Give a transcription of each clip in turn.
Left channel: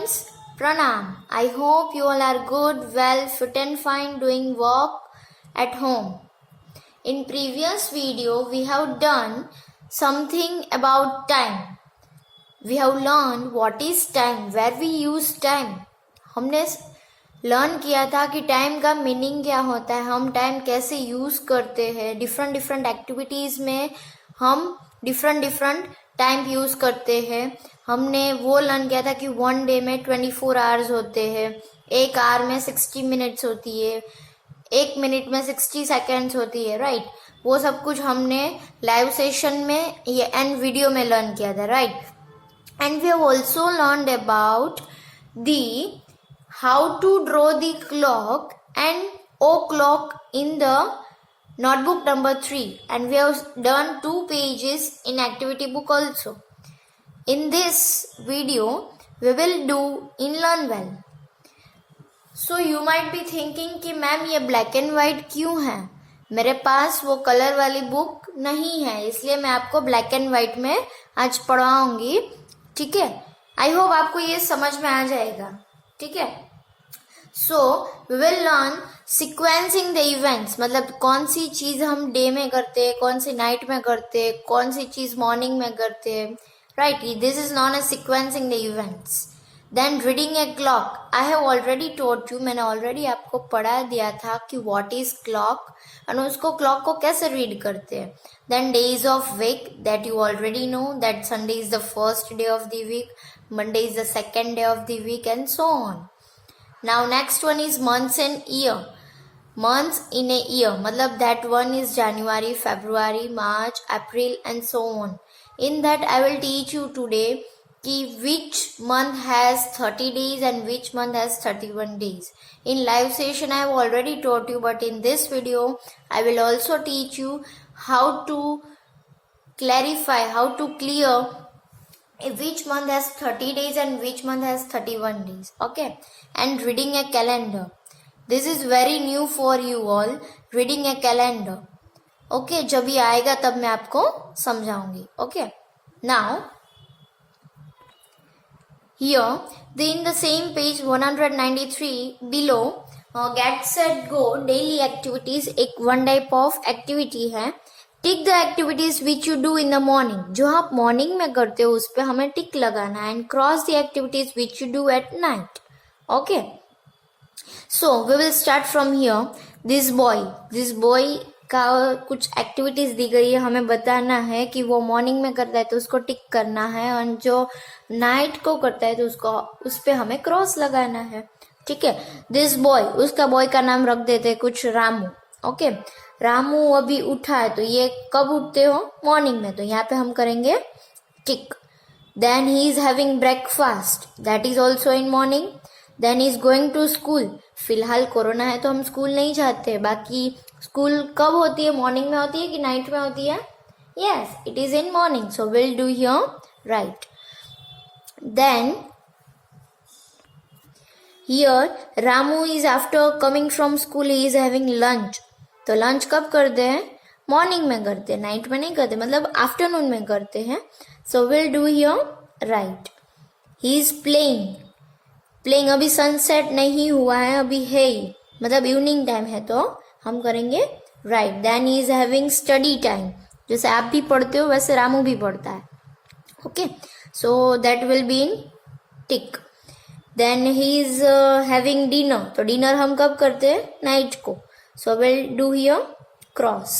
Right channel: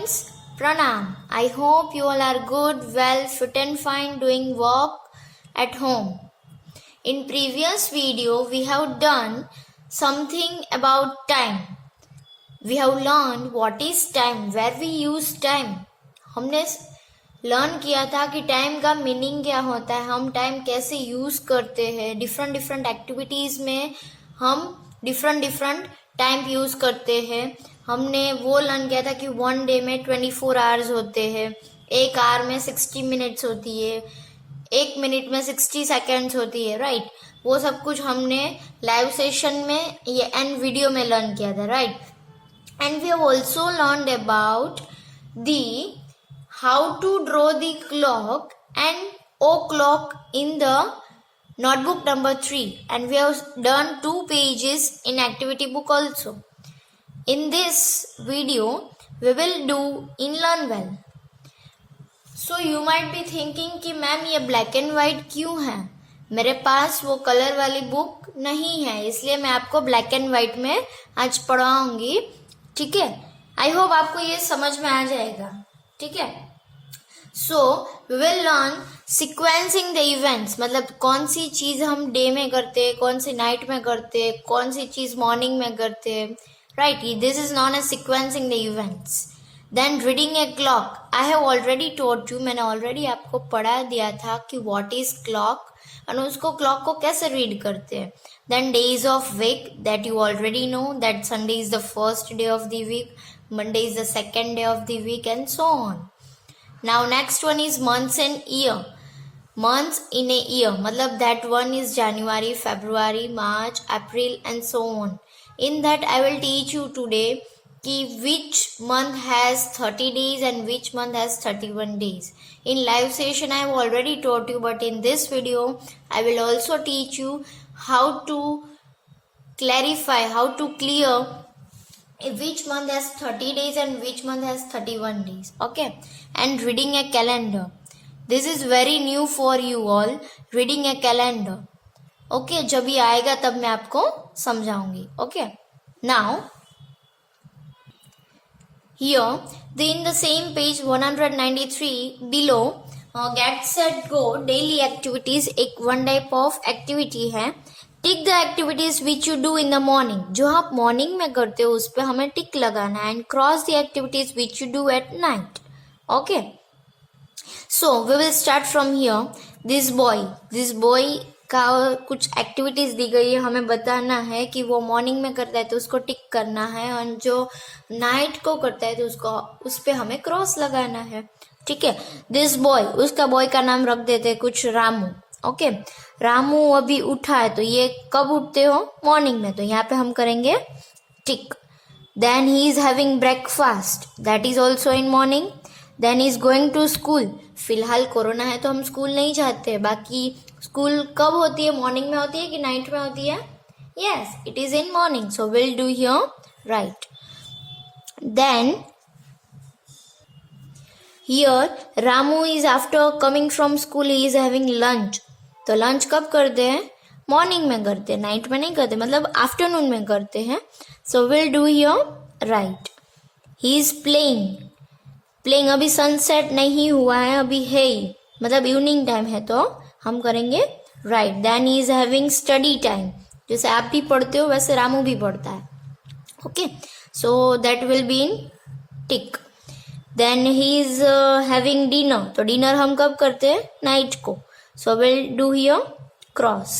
friends, Pranam. I hope you all are good, well, fit and fine doing work at home. In previous video, we have done something about time. We have learned what is time, where we use time. हमने learn किया था कि time का meaning क्या होता है, हम time कैसे यूज करते हैं, डिफरेंट डिफरेंट एक्टिविटीज में हम डिफरेंट टाइम यूज करते हैं. हमने वो लर्न किया था कि वन डे में 24 आवर्स होते हैं, एक आवर में 60 मिनट्स होती है, एक मिनट में 60 सेकेंड्स होती है, राइट. वो सब कुछ हमने लाइव सेशन में एंड वीडियो में लर्न किया था, right. And we have also learned about the how to draw the clock and o'clock in the notebook number 3, and we have done 2 pages in activity book also. In this video we will do in learn well. So you might be thinking कि ma'am ये black and white क्यों है, मेरे पास वो colour वाली book नहीं है, इसलिए मैं आपको black and white में आज पढ़ाऊंगी. ठीक है, आई होप आपको ये समझ में आ जाएगा. ठीक है. So we will learn sequencing the events, मतलब कौन सी चीज हम डे में करते हैं, कौन सी नाइट में करते हैं, कौन सी चीज मॉर्निंग में करते हैं, right. This is known as sequencing the events. Then reading a clock. I have already told you, मैंने ऑलरेडी आपको पढ़ा दिया था कि व्हाट इज क्लॉक और उसको क्लॉक को कैसे रीड करते हैं. Then days of week, that you already know that Sunday is the first day of the week, Monday is the second day of the week and so on. Now next one is months and year. Months in a year, matlab that one is January, February, March, April and so on. In that I will teach you today ki which month has 30 days and which month has 31 days. In live session I have already taught you, but in this video I will also teach you how to clarify, how to clear which month has 30 days and which month has 31 days. Okay. And reading a calendar. This is very new for you all. Reading a calendar. Okay. जब ये आएगा तब मैं आपको समझाऊंगी. Okay. Now here in the same page 193 below get set go daily activities, एक one type of activity है. Tick the activities which you do in the morning. जो आप मॉर्निंग में करते हो उस पर हमें टिक लगाना है. And cross the activities which you do at night. Okay. So we will start from here. This boy का कुछ एक्टिविटीज दी गई है, हमें बताना है कि वो मॉर्निंग में करता है तो उसको टिक करना है, और जो नाइट को करता है तो उसको उस पर हमें क्रॉस लगाना है. ठीक है. दिस बॉय, उसका बॉय का नाम रख देते हैं कुछ रामू. ओके. रामू अभी उठा है, तो ये कब उठते हो, मॉर्निंग में, तो यहाँ पे हम करेंगे tick. Then he is having breakfast, that is also in morning. Then he is going to school. फिलहाल कोरोना है तो हम स्कूल नहीं जाते, बाकी स्कूल कब होती है, मॉर्निंग में होती है कि नाइट में होती है. Yes, it is in morning, so will do here right. Then here Ramu is after coming from school, he is having lunch. तो लंच कब करते हैं, मॉर्निंग में करते हैं, नाइट में नहीं करते, मतलब आफ्टरनून में करते हैं. सो will do here right. He is playing, अभी सनसेट नहीं हुआ है, अभी है ही, मतलब इवनिंग टाइम है, तो हम करेंगे right. Then he is having study time, जैसे आप भी पढ़ते हो वैसे रामू भी पढ़ता है. Okay. So that will be in tick. Then he is having dinner, तो डिनर हम कब करते हैं, नाइट को, so we'll do here cross.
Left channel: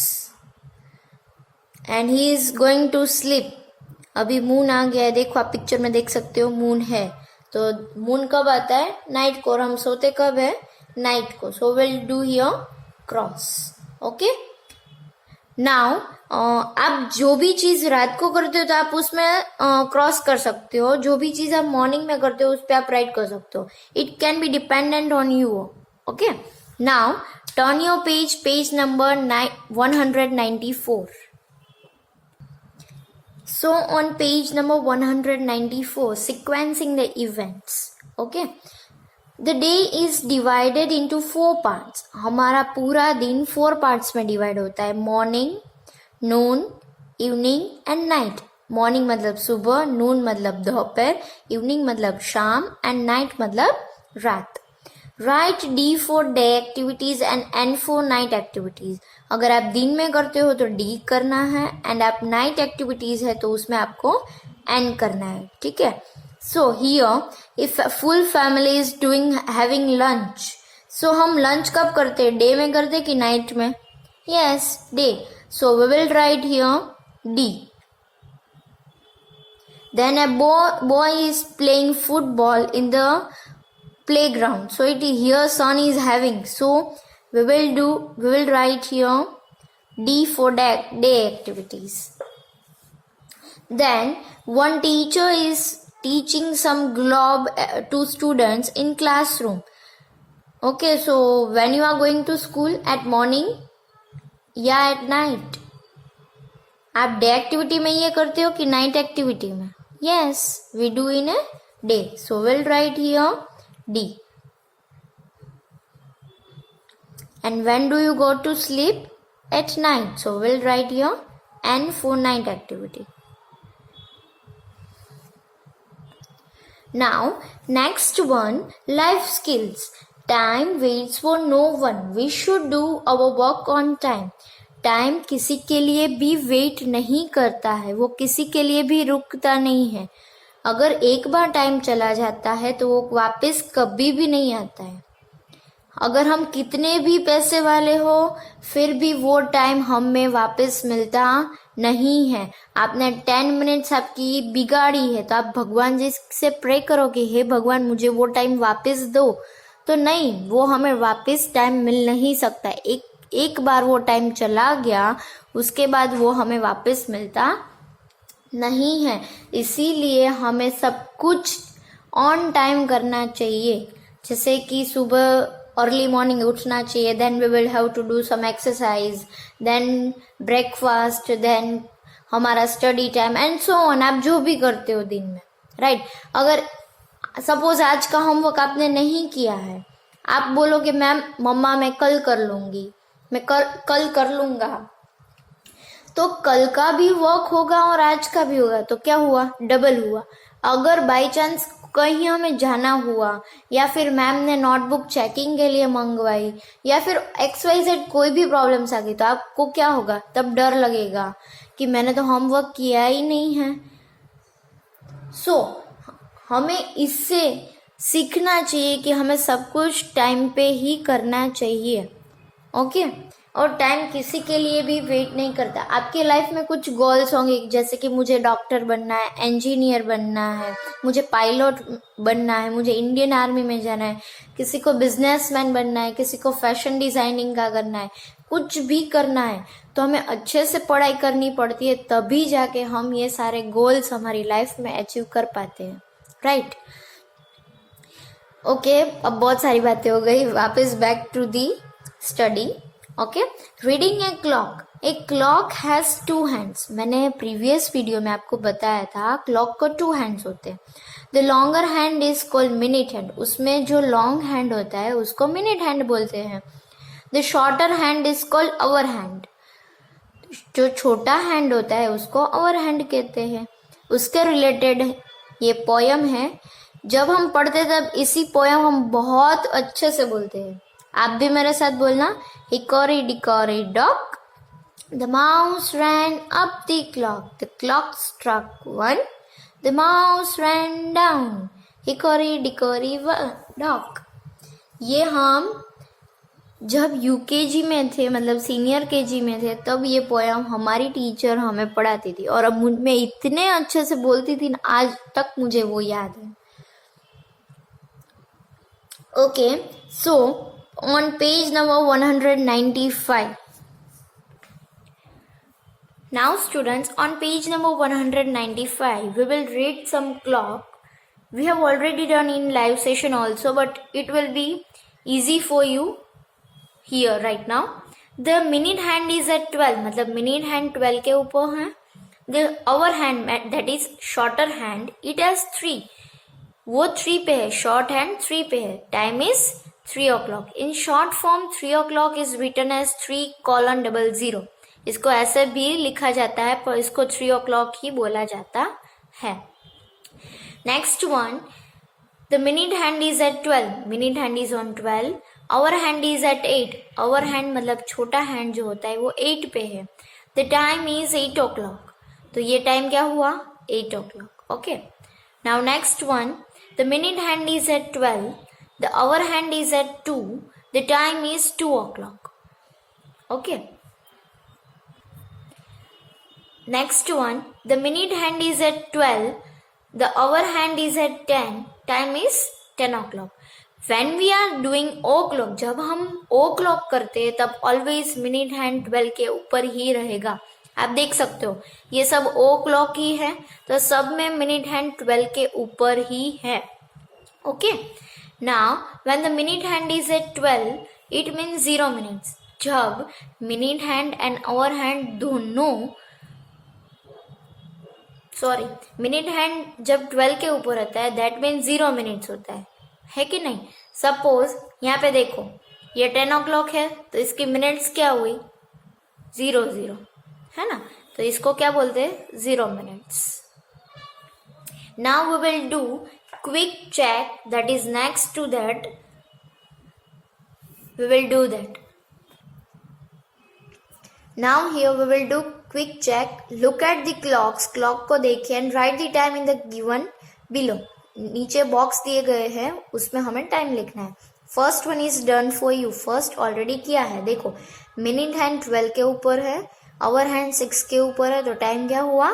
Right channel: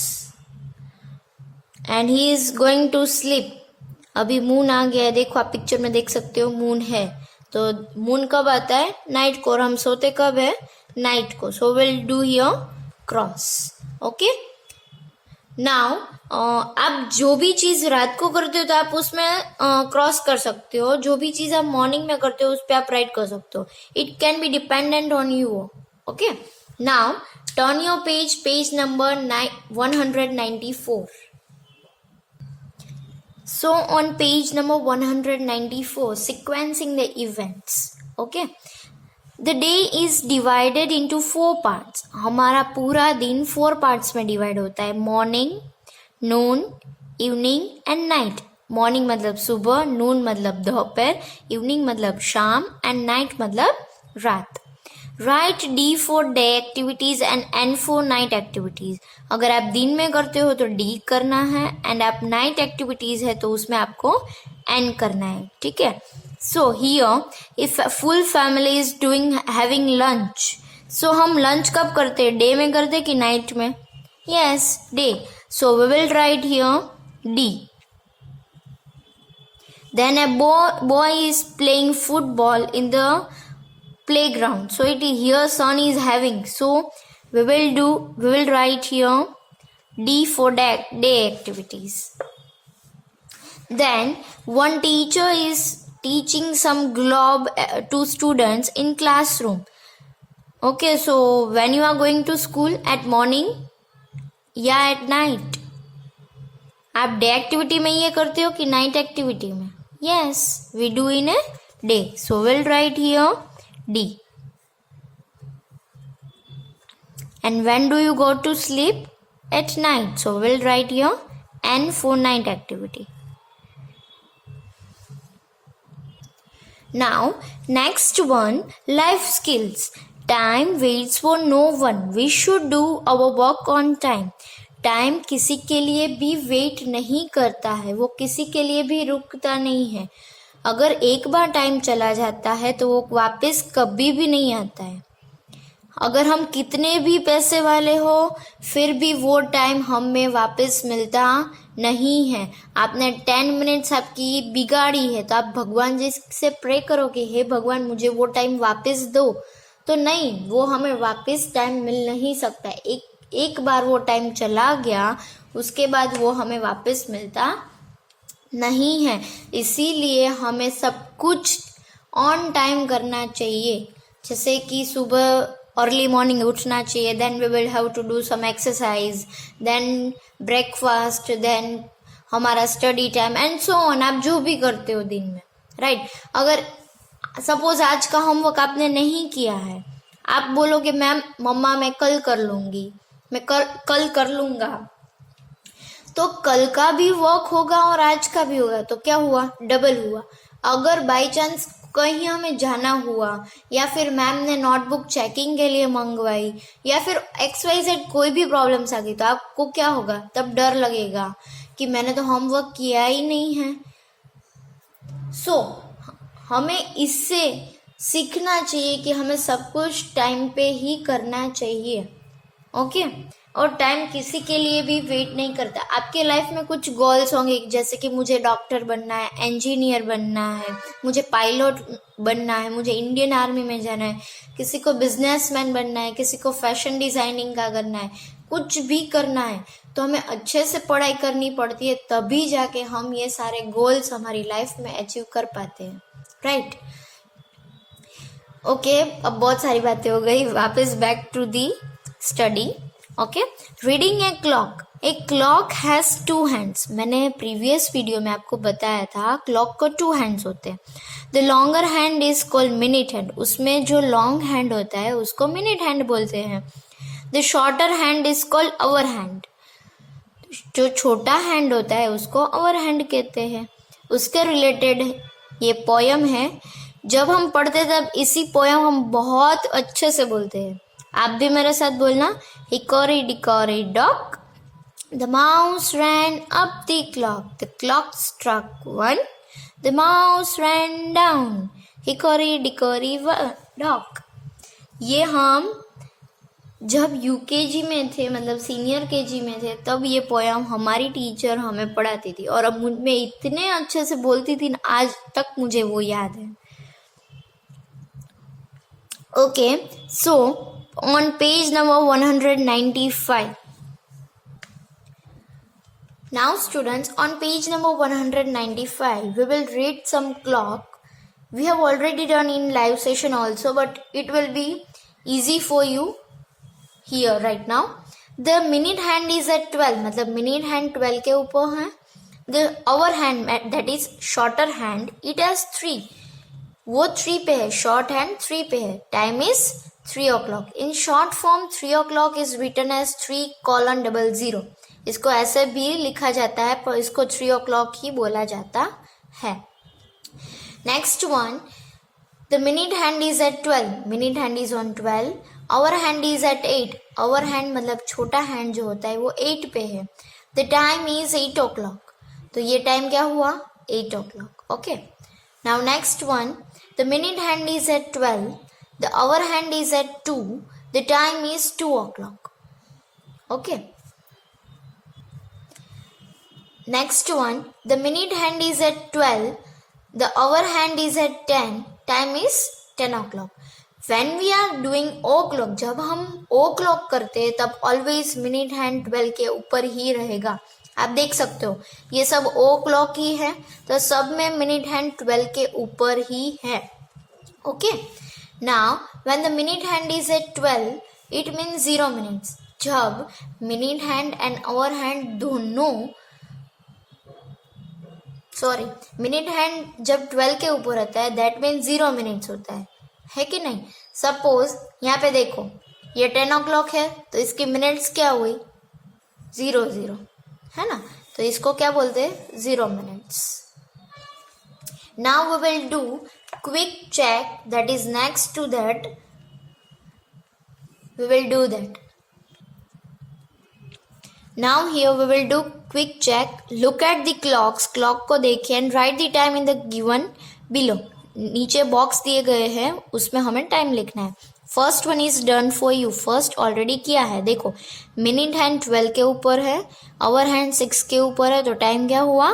And he is going to sleep. अभी मून आ गया है, देखो आप पिक्चर में देख सकते हो मून है, तो मून कब आता है, नाइट को, और हम सोते कब है, नाइट को. so we'll do here cross. okay. now आप जो भी चीज रात को करते हो तो आप उसमें क्रॉस कर सकते हो, जो भी चीज आप मॉर्निंग में करते हो उस पर आप राइट कर सकते हो. It can be dependent on you. Okay. Now turn your page number 194. So on page number 194, sequencing the events. Okay. The day is divided into 4 parts. हमारा पूरा दिन 4 parts में डिवाइड होता है, morning, Noon, evening and night. Morning मतलब सुबह, नून मतलब दोपहर, इवनिंग मतलब शाम एंड नाइट मतलब रात. Right D for day activities and N for night activities. अगर आप दिन में करते हो तो डी करना है, एंड आप नाइट एक्टिविटीज है तो उसमें आपको एन करना है. ठीक है. So here if full family is doing having lunch, so हम लंच कब करते हैं, डे में करते कि नाइट में? Yes, day. So we will write here D. Then a boy is playing football in the playground. So it is here son is having. So we will write here D for day activities. Then one teacher is teaching some globe to students in classroom. Okay, so when you are going to school, at morning या at night? आप day activity में ये करते हो कि night activity में? Yes, we do in a day. So we'll write here D. And when do you go to sleep? At night. So we'll write here N for night activity. Now, next one, life skills. Time waits for no one. We should do our work on time. Time किसी के लिए भी wait नहीं करता है, वो किसी के लिए भी रुकता नहीं है. अगर एक बार टाइम चला जाता है तो वो वापस कभी भी नहीं आता है. अगर हम कितने भी पैसे वाले हो फिर भी वो टाइम हमें वापस मिलता नहीं है. आपने 10 मिनट्स आपकी बिगाड़ी है तो आप भगवान जी से प्रे करो कि हे भगवान मुझे वो टाइम वापस दो, तो नहीं, वो हमें वापस टाइम मिल नहीं सकता. एक बार वो टाइम चला गया उसके बाद वो हमें वापस मिलता नहीं है. इसीलिए हमें सब कुछ ऑन टाइम करना चाहिए. जैसे कि सुबह अर्ली मॉर्निंग उठना चाहिए, then we will have to do some exercise, then breakfast, then हमारा study time and so on. आप जो भी करते हो दिन में, राइट. अगर सपोज आज का होमवर्क आपने नहीं किया है, आप बोलोगे मैम मम्मा मैं कल कर लूँगी, मैं कल कर लूँगा, तो कल का भी वर्क होगा और आज का भी होगा, तो क्या हुआ, डबल हुआ. अगर बाय चांस कहीं हमें जाना हुआ या फिर मैम ने नोटबुक चेकिंग के लिए मंगवाई या फिर XYZ कोई भी प्रॉब्लम्स आ गई तो आपको क्या होगा, तब डर लगेगा कि मैंने तो होमवर्क किया ही नहीं है. सो हमें इससे सीखना चाहिए कि हमें सब कुछ टाइम पे ही करना चाहिए. ओके. और टाइम किसी के लिए भी वेट नहीं करता. आपके लाइफ में कुछ गोल्स होंगे जैसे कि मुझे डॉक्टर बनना है, इंजीनियर बनना है, मुझे पायलट बनना है, मुझे इंडियन आर्मी में जाना है, किसी को बिजनेसमैन बनना है, किसी को फैशन डिज़ाइनिंग का करना है, कुछ भी करना है तो हमें अच्छे से पढ़ाई करनी पड़ती है, तभी जाके हम ये सारे गोल्स हमारी लाइफ में अचीव कर पाते हैं, राइट. ओके, अब बहुत सारी बातें हो गई, वापस back to the study. Okay. Reading a clock. A clock has 2 hands. मैंने प्रीवियस वीडियो में आपको बताया था क्लॉक को 2 हैंड्स होते हैं. The longer hand is called minute hand. उसमें जो लॉन्ग हैंड होता है उसको मिनट हैंड बोलते हैं. The shorter hand is called hour hand. जो छोटा हैंड होता है उसको आवर हैंड कहते हैं. उसके रिलेटेड ये पोयम है. जब हम पढ़ते तब इसी पोयम हम बहुत अच्छे से बोलते हैं. आप भी मेरे साथ बोलना. Hickory dickory dock, the mouse ran up the clock, the clock struck 1, the mouse ran down, hickory dickory dock. ये हम जब UKG में थे, मतलब सीनियर KG में थे, तब ये पोयम हमारी टीचर हमें पढ़ाती थी और अब मैं इतने अच्छे से बोलती थी ना, आज तक मुझे वो याद है. Okay. So on page number 195. Now students, on page number 195 we will read some clock. We have already done in live session also, but it will be easy for you here right now. The minute hand is at 12, मतलब minute hand 12 के ऊपर है. The hour hand, that is shorter hand, it has 3. वो 3 पे है, short hand 3 पे है. Time is 3 o'clock. In short form 3 o'clock is written as 3:00. इसको ऐसे भी लिखा जाता है पर इसको 3 o'clock ही बोला जाता है. Next one, the minute hand is at 12. Minute hand is on 12. Hour hand is at 8. Hour hand मतलब छोटा हैंड जो होता है वो 8 पे है. The time is 8 o'clock. तो ये टाइम क्या हुआ? 8 o'clock. Okay. Now next one, the minute hand is at 12. The hour hand is at 2. The time is 2 o'clock. Okay. Next one, the minute hand is at 12. The hour hand is at 10. Time is 10 o'clock. When we are doing o'clock, जब हम o'clock करते हैं तब always minute hand 12 के ऊपर ही रहेगा. आप देख सकते हो ये सब o'clock ही है तो सब में minute hand 12 के ऊपर ही है. Okay. Now when the minute hand is at 12, it means 0 minutes. जब minute hand and hour hand दोनों मिनट हैंड जब 12 के ऊपर रहता है दैट मीन्स 0 मिनट्स होता है कि नहीं. सपोज यहाँ पे देखो ये 10 o'clock है तो इसकी मिनट्स क्या हुई? 0 है ना. तो इसको क्या बोलते हैं? 0 minutes. Now we will do quick check that is next to that. We will do that. Now here we will do quick check. Look at the clocks. Clock को देखिए and write the time in the given below. नीचे box दिए गए हैं उसमें हमें time लिखना है. First one is done for you. First already किया है. देखो मिनट हैंड 12 के ऊपर है, आवर हैंड 6 के ऊपर है तो टाइम क्या हुआ?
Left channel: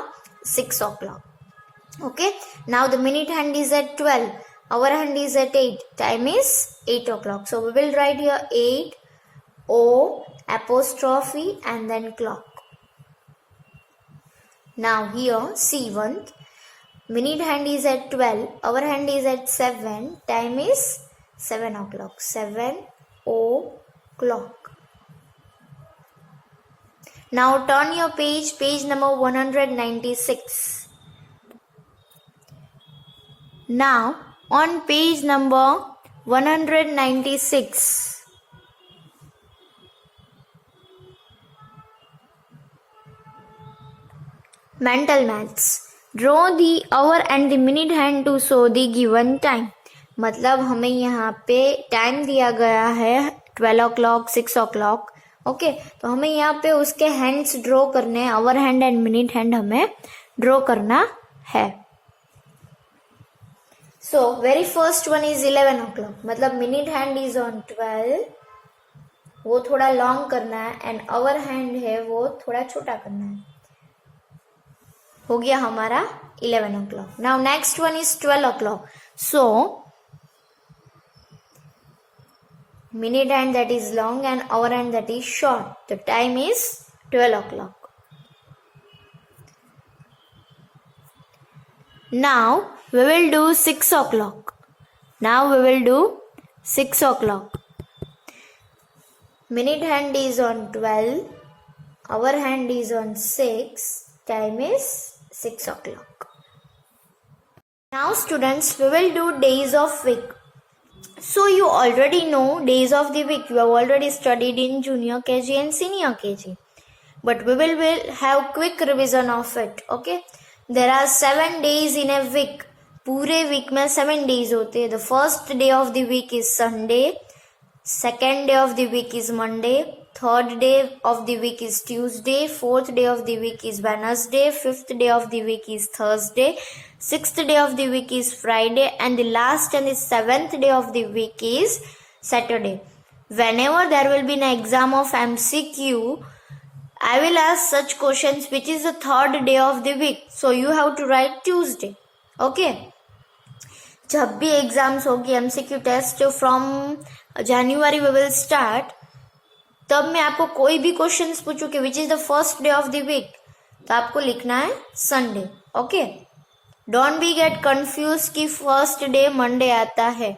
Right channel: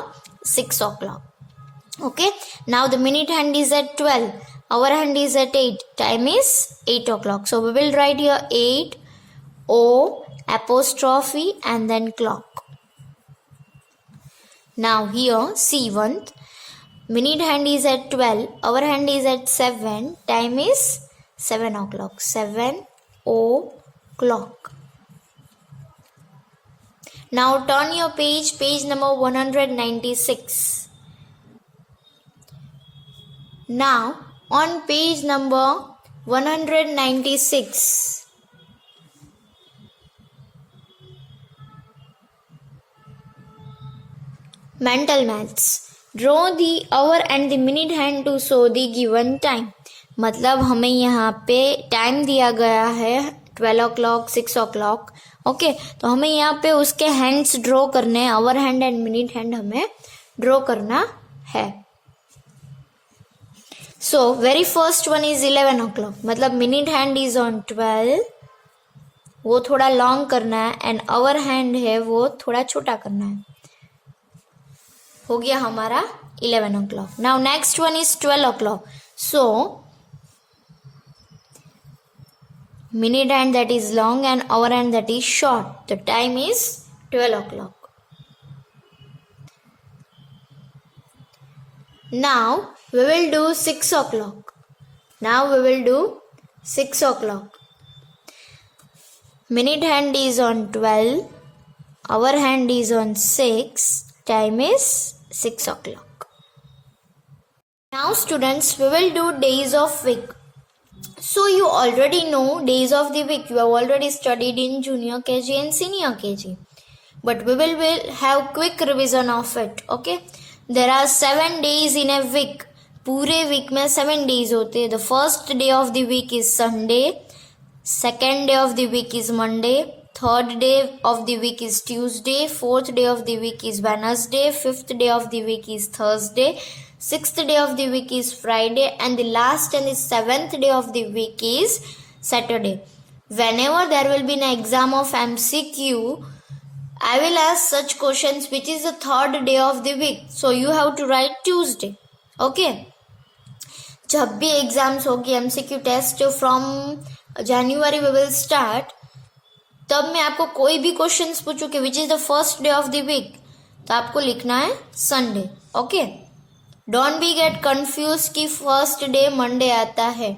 6 o'clock. Okay. Now the minute hand is at 12. Hour hand is at 8. Time is 8 o'clock. So we will write here 8 O apostrophe and then clock. Now here C1, minute hand is at 12, hour hand is at 7, time is 7 o'clock. 7 o'clock. Now turn your page number 196. Now on page number 196, mental maths. Draw the hour and the minute hand to show the given time. मतलब हमें यहाँ पे time दिया गया है 12 o'clock, 6 o'clock. Okay. तो हमें यहाँ पे उसके हैंड्स ड्रॉ करने हैं. Hour hand and minute hand हमें ड्रॉ करना है. So very first one is 11 o'clock. मतलब मिनट हैंड इज ऑन 12, वो थोड़ा लॉन्ग करना है एंड आवर हैंड है वो थोड़ा छोटा करना है. हो गया हमारा 11 o'clock. Now next one is 12 o'clock. So minute hand that is long and hour hand that is short. The time is 12 o'clock. Now we will do 6 o'clock. Now we will do 6 o'clock. Minute hand is on 12, hour hand is on 6, time is 6 o'clock. Now students, we will do days of week. So you already know days of the week. You have already studied in junior KG and senior KG. But we will have quick revision of it. Okay. There are 7 days in a week. पूरे week में 7 days होते हैं. The first day of the week is Sunday. Second day of the week is Monday. Third day of the week is Tuesday. Fourth day of the week is Wednesday. Fifth day of the week is Thursday. Sixth day of the week is Friday. And the last and the 7th day of the week is Saturday. Whenever there will be an exam of MCQ, I will ask such questions which is the third day of the week. So you have to write Tuesday. Okay. जब भी exams होगी MCQ test from January we will start. तब मैं आपको कोई भी questions पूछूं कि which is the first day of the week तो आपको लिखना है Sunday. Okay. Don't be get confuse कि फर्स्ट डे मंडे आता है.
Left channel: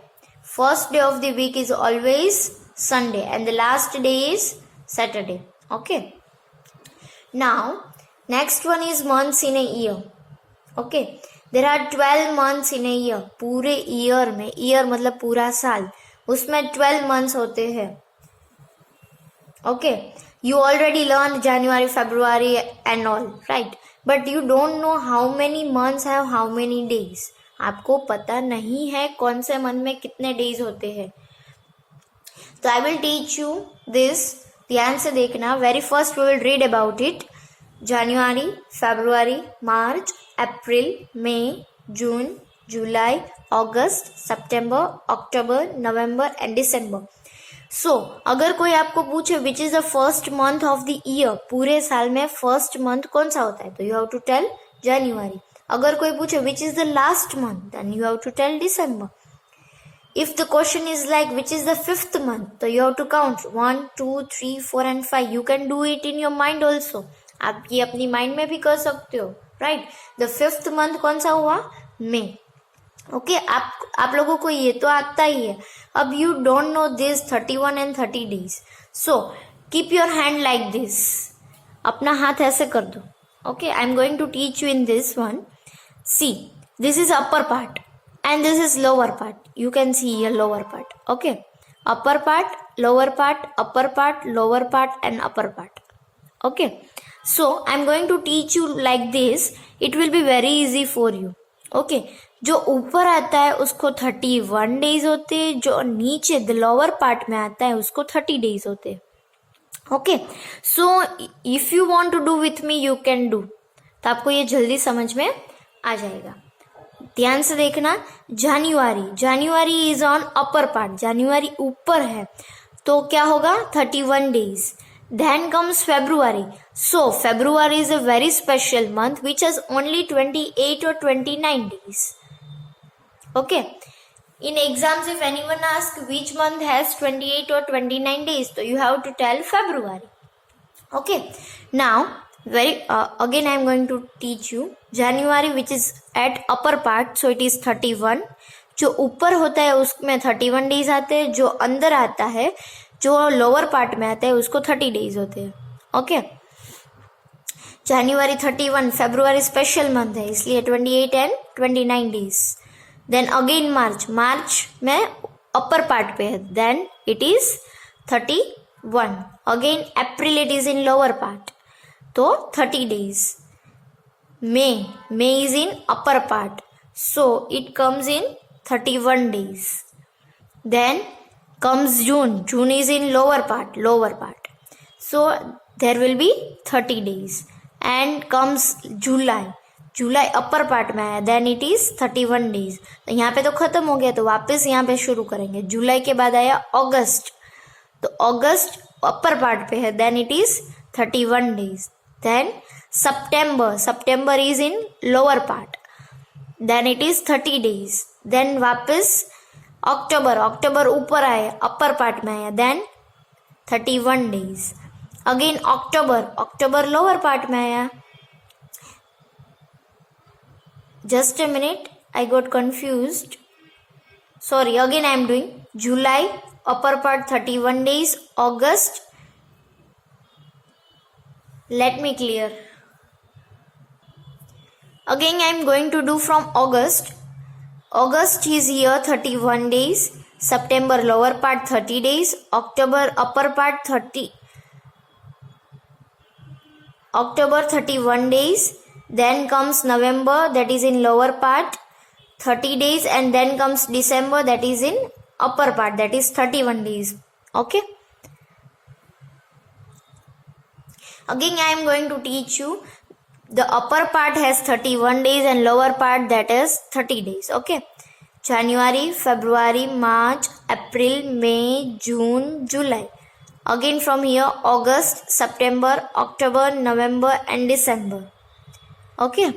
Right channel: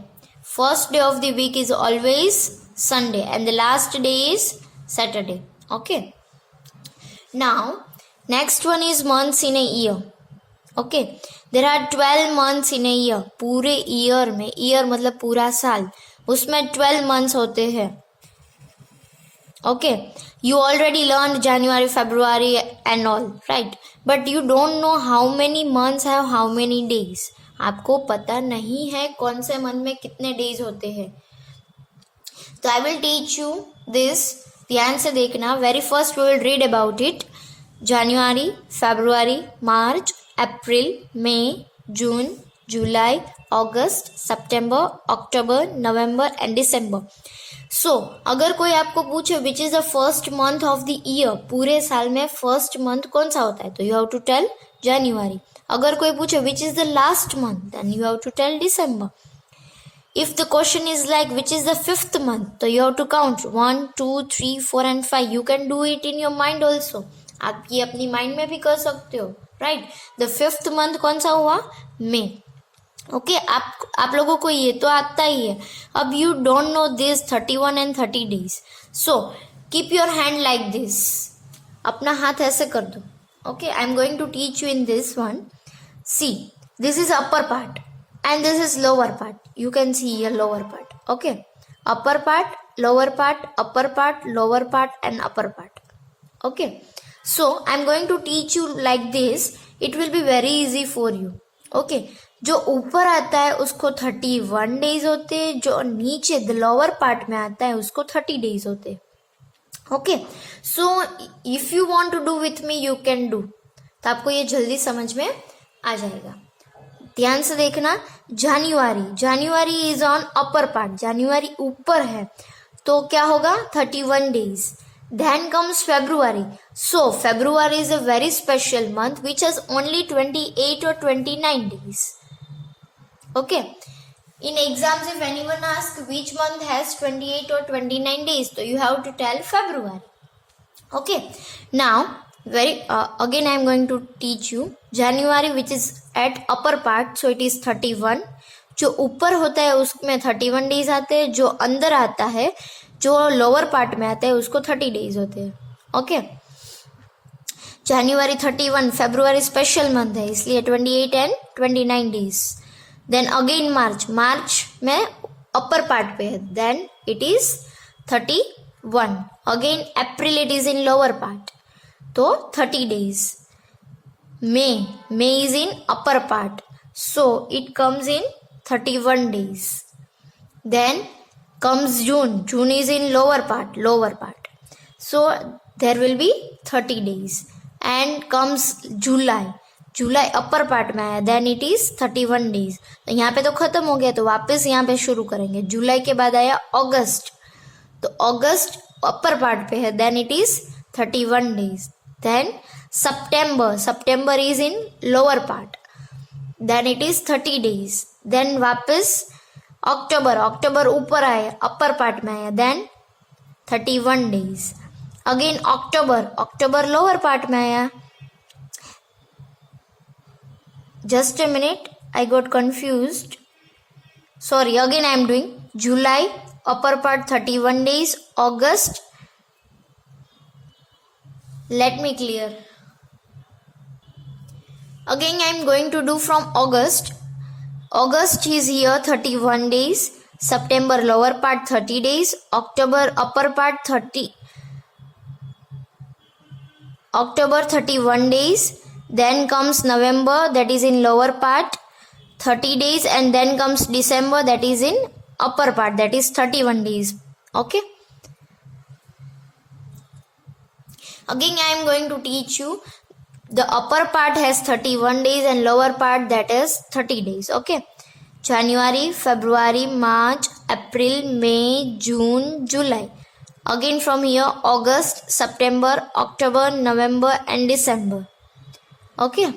First day of the week is always Sunday and the last day is Saturday. Okay. Now next one is months in a year. Okay. There are 12 months in a year. पूरे year में, year मतलब पूरा साल, उसमें 12 months होते हैं. Okay, you already learned January, February and all, right? But you don't know how many months have how many days. आपको पता नहीं है कौन से मंथ में कितने डेज होते हैं. तो I will teach you this. ध्यान से देखना. Very first we will read about it. January, February, March, April, May, June, July, August, September, October, November and December. So, अगर कोई आपको पूछे which is the first month of the year, पूरे साल में फर्स्ट मंथ कौन सा होता है, तो you have to tell January. अगर कोई पूछे which is the last month, then you have to tell December. If the question is like which is the fifth month, so you have to count 1, 2, 3, 4 and 5. You can do it in your mind also. आप ये अपनी mind में भी कर सकते हो, right. The fifth month कौन सा हुआ, मे. ओके, आप लोगों को ये तो आता ही है. अब you don't know this 31 and 30 days. So keep your hand like this. अपना हाथ ऐसे कर दो. Okay, I am going to teach you in this one. See, this is upper part and this is lower part. You can see here lower part. Okay, upper part, lower part, upper part, lower part and upper part. Okay, so I'm going to teach you like this. It will be very easy for you. Okay, जो ऊपर आता है उसको 31 days होते हैं, जो नीचे the lower part में आता है उसको 30 days होते हैं. Okay, so if you want to do with me you can do. तो आपको ये जल्दी समझ में आ जाएगा. ध्यान से देखना. January is on upper part. जनवरी ऊपर है तो क्या होगा, 31 days. Then comes February. So February is a very special month which has only 28 or 29 days. Okay, in exams if anyone ask which month has 28 or 29 days, तो you have to tell February. Okay, now again I am going to teach you January which is at upper part, so it is 31. जो ऊपर होता है उसमें 31 days आते हैं, जो अंदर आता है जो लोअर पार्ट में आता है उसको 30 days होते हैं. Okay, January 31, February special month है इसलिए 28 and 29 days. Then again March में अपर पार्ट पे है, then it is 31. Again April it is in lower part तो 30 days. May is in upper part, so it comes in 31 days. Then comes June is in lower part, so there will be 30 days. And comes July upper part में आया, then it is 31 days. तो यहाँ पे तो खत्म हो गया, तो वापस यहाँ पे शुरू करेंगे. जुलाई के बाद आया अगस्त, तो अगस्त अपर पार्ट पे है, then it is 31 days. Then September is in lower part, then it is 30 days. Then वापस अक्टूबर ऊपर आया, अपर पार्ट में आया, then 31 days. अगेन अक्टूबर लोअर पार्ट में आया. Just a minute, I got confused. Sorry, again I am doing July upper part 31 days, August. Let me clear. Again I am going to do from August. August is here 31 days. September lower part 30 days. October upper part 31 days. Then comes November, that is in lower part 30 days. And then comes December, that is in upper part, that is 31 days. Okay. Again I am going to teach you the upper part has 31 days and lower part that is 30 days. Okay, January, February, March, April, May, June, July. Again from here August, September, October, November and December. Okay,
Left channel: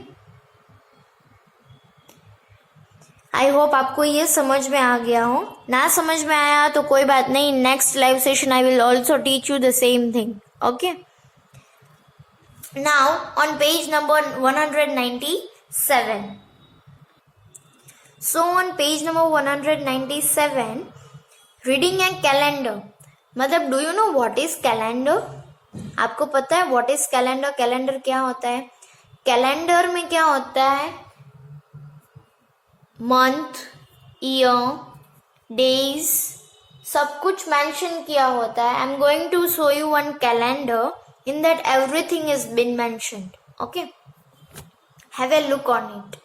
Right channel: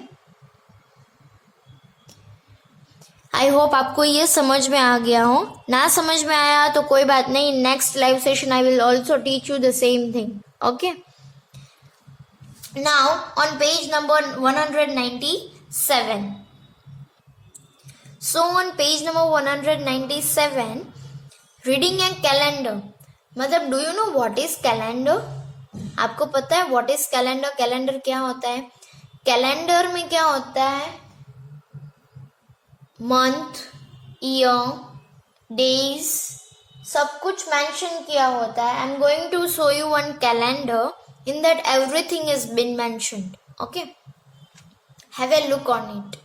I hope आपको ये समझ में आ गया हो. ना समझ में आया तो कोई बात नहीं, next live session I will also teach you the same thing. Okay, now on page number 197. So on page number 197, reading a calendar. मतलब do you know what is calendar? आपको पता है what is calendar? कैलेंडर क्या होता है? Calendar में क्या होता है? मंथ, ईयर, डेज, सब कुछ मेंशन किया होता है. I am going to show you one calendar in that everything is been mentioned. Okay, have a look on it.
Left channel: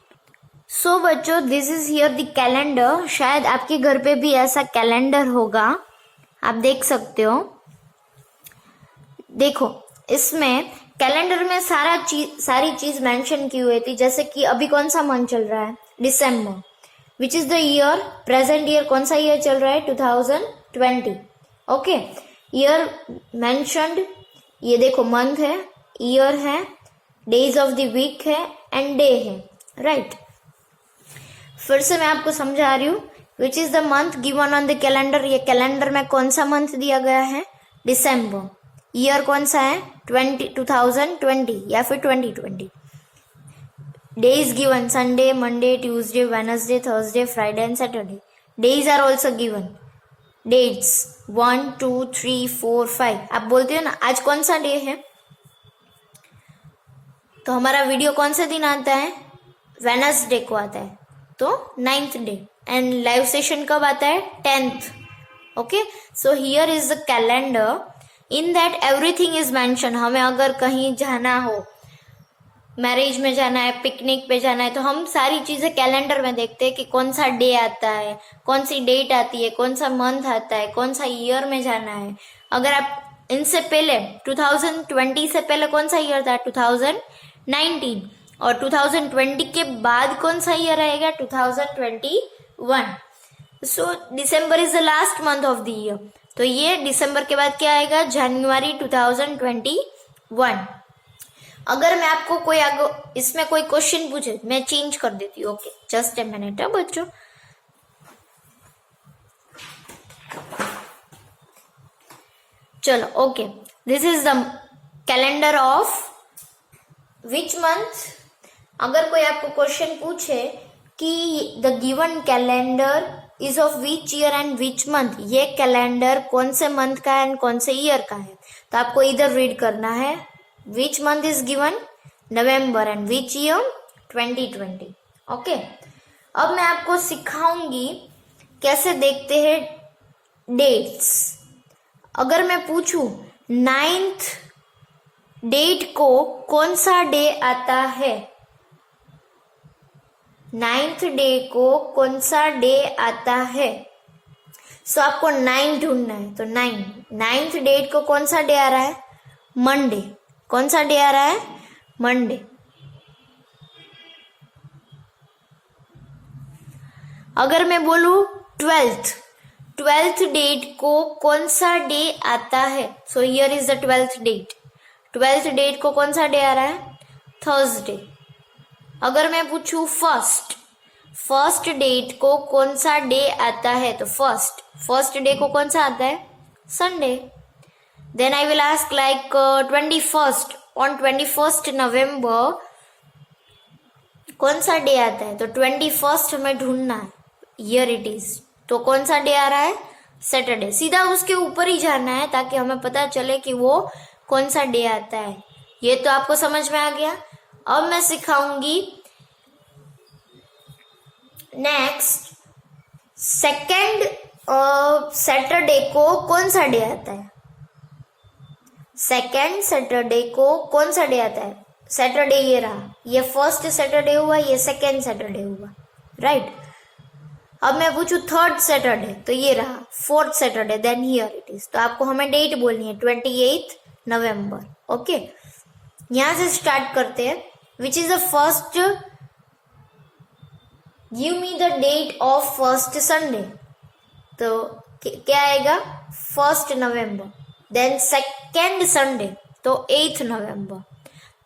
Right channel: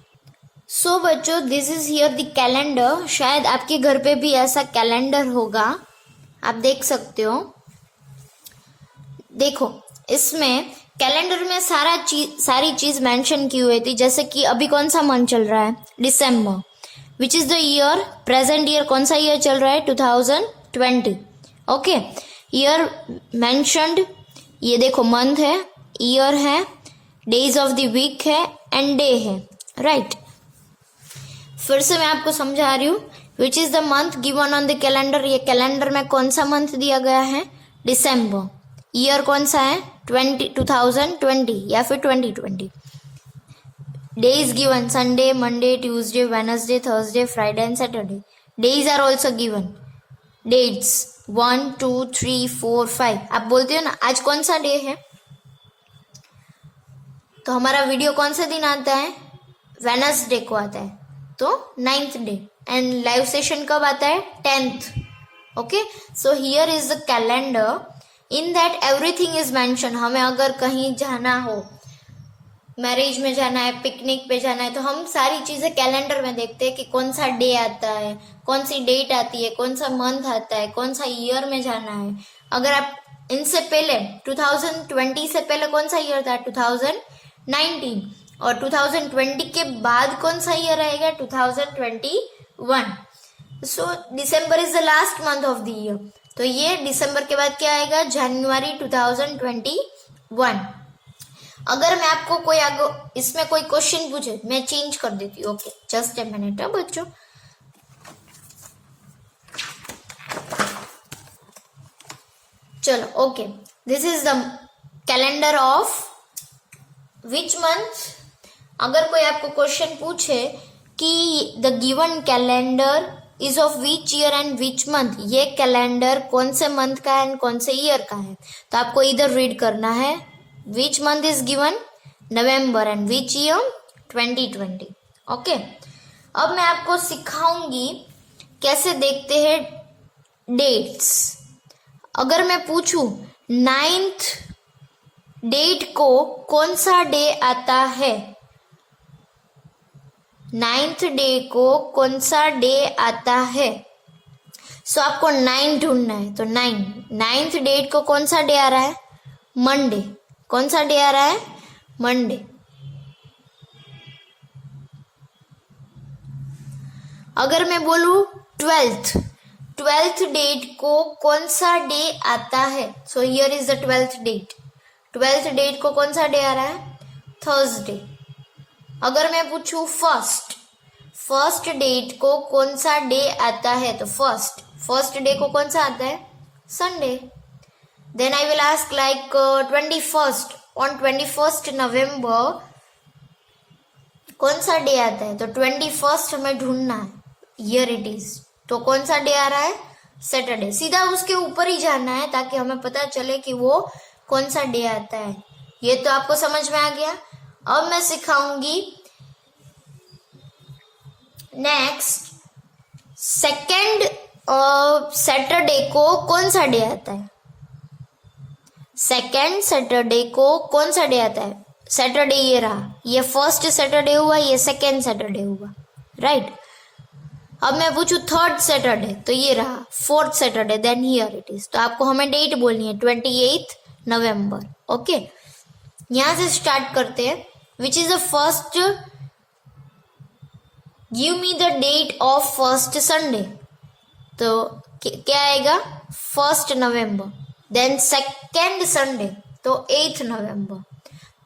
So बच्चों, this is here the calendar. शायद आपके घर पे भी ऐसा कैलेंडर होगा, आप देख सकते हो. देखो, इसमें कैलेंडर में सारी चीज मेंशन की हुई थी. जैसे कि अभी कौन सा मंथ चल रहा है, दिसंबर. Which is the year, present year कौन सा ईयर चल रहा है, 2020. Okay, year mentioned. ये देखो, मंथ है, ईयर है, डेज ऑफ द वीक है एंड डे है. राइट, फिर से मैं आपको समझा रही हूँ. Which is the month given on the calendar. ये कैलेंडर में कौन सा मंथ दिया गया है, दिसंबर. ईयर कौन सा है, 2020 या फिर 2020. Days given, Sunday, Monday, Tuesday, Wednesday, Thursday, Friday and Saturday. Days are also given. Dates 1, 2, 3, 4, 5. आप बोलते हो ना, आज कौन सा डे है, तो हमारा वीडियो कौन सा दिन आता है, वेनसडे को आता है, तो 9th day. And live session कब आता है, 10th. Okay, so here is the calendar. In that everything is mention. हमें अगर कहीं जाना हो, मैरिज में जाना है, पिकनिक पे जाना है, तो हम सारी चीज़ें कैलेंडर में देखते हैं कि कौन सा डे आता है, कौन सी डेट आती है, कौन सा मंथ आता है, कौन सा ईयर में जाना है. अगर आप इनसे पहले 2020 से पहले कौन सा ईयर था, 2019. और 2020 के बाद कौन सा ईयर आएगा, 2021. So December is the last month of the year. तो ये दिसंबर के बाद क्या आएगा, जनवरी 2021. अगर मैं आपको कोई इसमें कोई क्वेश्चन पूछे, मैं चेंज कर देती हूँ. ओके, जस्ट ए मिनट है बच्चों. चलो, okay, this is the calendar of which month. अगर कोई आपको क्वेश्चन पूछे कि the given calendar is of which year and which month, ये कैलेंडर कौन से मंथ का है एंड कौन से ईयर का है, तो आपको इधर रीड करना है. Which month is given, November, and which year, 2020. Okay, अब मैं आपको सिखाऊंगी कैसे देखते हैं डेट्स. अगर मैं पूछूं 9th डेट को कौन सा डे आता है, 9th डे को कौन सा डे आता है, सो आपको 9 ढूंढना है. तो 9th डेट को कौन सा डे आ रहा है, मंडे. कौन सा डे आ रहा है, मंडे. अगर मैं बोलूं 12th डेट को कौन सा डे आता है, so here is the 12th date. 12th date को कौन सा डे आ रहा है, थर्सडे. अगर मैं पूछूं फर्स्ट डेट को कौन सा डे आता है, तो फर्स्ट डे को कौन सा आता है, Sunday. Then I will ask like 21st, on 21st November कौन सा डे आता है, तो 21st हमें ढूंढना है. Here it is. तो कौन सा डे आ रहा है, सैटरडे. सीधा उसके ऊपर ही जाना है ताकि हमें पता चले कि वो कौन सा डे आता है. ये तो आपको समझ में आ गया. अब मैं सिखाऊंगी नेक्स्ट, सेकेंड सैटरडे को कौन सा डे आता है. सेकेंड सैटरडे को कौन सा डे आता है, सैटरडे ये रहा. ये फर्स्ट सैटरडे हुआ, ये सेकेंड सैटरडे हुआ. राइट. अब मैं पूछूं थर्ड सैटरडे, तो ये रहा fourth Saturday. Then here it is. तो आपको हमें डेट बोलनी है, 28 नवंबर. ओके, यहां से स्टार्ट करते हैं. Which is the first, give me the date of first Sunday. तो क्या आएगा, 1st नवंबर. देन सेकेंड संडे, तो 8th नवंबर.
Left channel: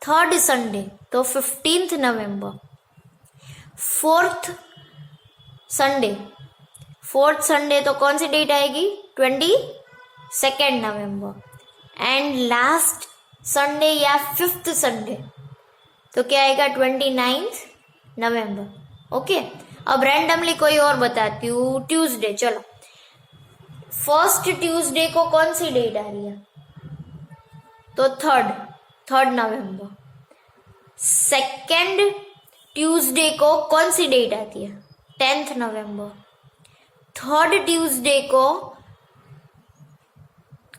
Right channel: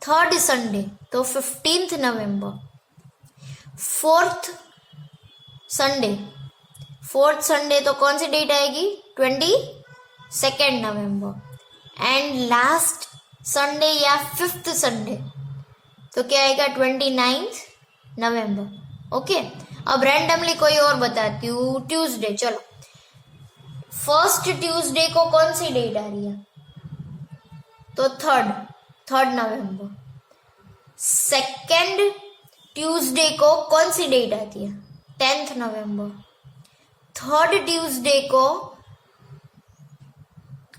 थर्ड संडे, तो 15th नवंबर. फोर्थ संडे तो कौन सी डेट आएगी, 22nd November. And last Sunday या 5th संडे, तो क्या आएगा, 29th नवंबर. ओके, अब रैंडमली कोई और बताती हूँ. ट्यूसडे. चलो, फर्स्ट ट्यूसडे को कौन सी डेट आ रही है, तो थर्ड नवंबर. सेकेंड ट्यूसडे को कौन सी डेट आती है, 10th नवंबर. थर्ड ट्यूसडे को